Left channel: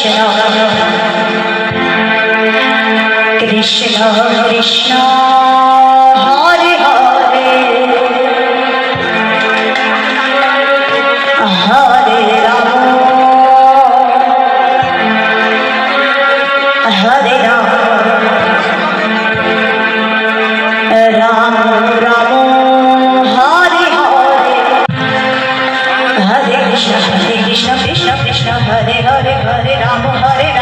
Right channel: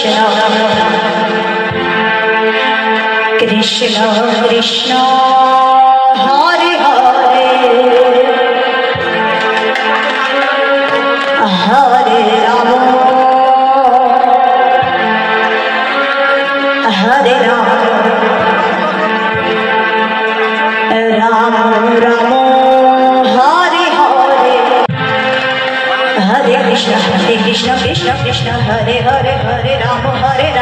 Krishna Krishna Krishna. Hare Hare Ram Hare Ram.